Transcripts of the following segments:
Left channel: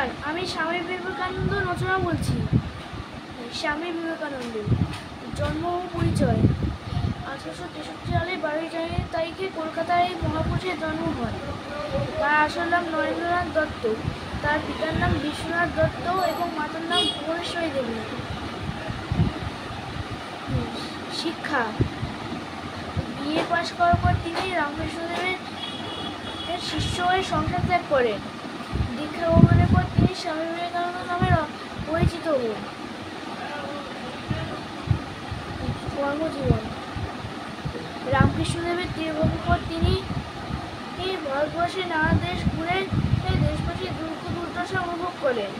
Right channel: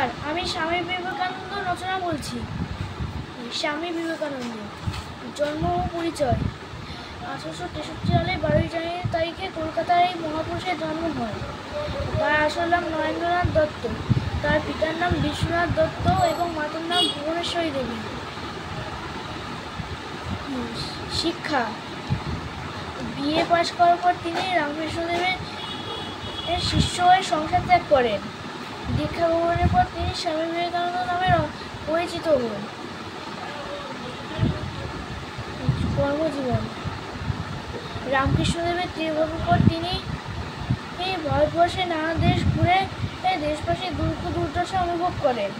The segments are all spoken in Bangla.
নমস্কার, আমি স্বামী বিবেকানন্দ রচনা বলছি। স্বামী বিবেকানন্দ জন্ম ও পরিচয়। 1863 সালে 12 জানুয়ারি তারিখে কলকাতায় এই মহাপুরুষের জন্ম হয়। তার আসল নাম নরেন্দ্রনাথ দত্ত। তার পিতার নাম বিশ্বনাথ দত্ত এবং মাতার নাম ভুবনেশ্বরী দেবী। শিক্ষা। বিএ পাশ করার পর তিনি রামকৃষ্ণদেবের শিষ্য হয়ে সংসার ত্যাগ করেন। দীক্ষা গ্রহণের পর তিনি স্বামী বিবেকানন্দ নামে পরিচিত হন। কর্মজীবন। রামকৃষ্ণদেবের তিরোগমনের পর তিনি ভারতবর্ষের নানা দেশ ঘুরে দেশবাসীর দুঃখ দুর্দশা অনুভব করেন।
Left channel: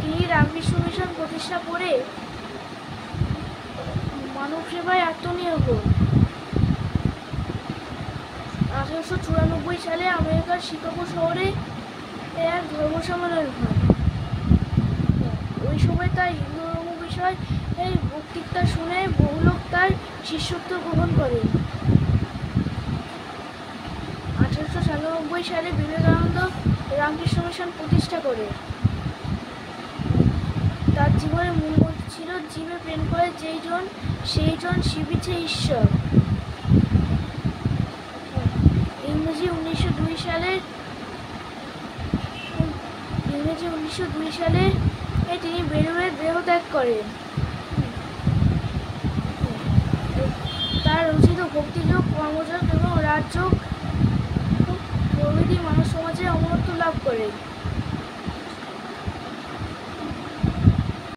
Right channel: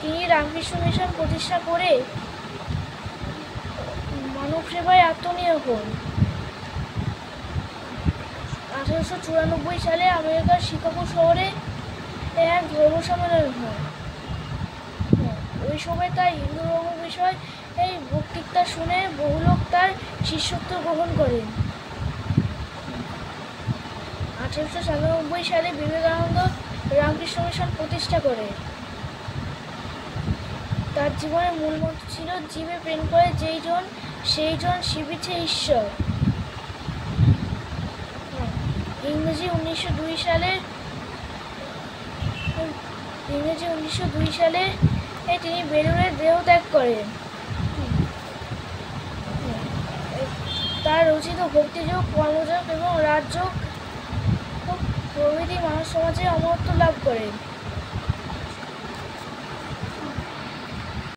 তিনি রামকৃষ্ণ মিশন প্রতিষ্ঠা করে মানব সেবায় আত্মনিয়োগ হন। 1894 সালে আমেরিকার শিকাগো শহরে এক ধর্ম সম্মেলন হয়। ওই সময় তার হিন্দু ধর্ম বিষয় এই বক্তৃতা শুনে বহু লোক তার শিষ্যত্ব গ্রহণ করেন। 1897 সালে বিবেকানন্দ রামকৃষ্ণ মিশন প্রতিষ্ঠা করে। তার জীবনের মূল মন্ত্র ছিল, জীবে প্রেম করে যেই জন সেই জন শিবিছে ঈশ্বর। ইংরেজি 1902 সালে তিনি বেলুড়ে দেহত্যাগ করেন। তার রচিত ভক্তিযোগ, কর্মযোগ এবং রাজযোগ প্রভৃতি মানব সমাজে অমরত্ব লাভ করেন।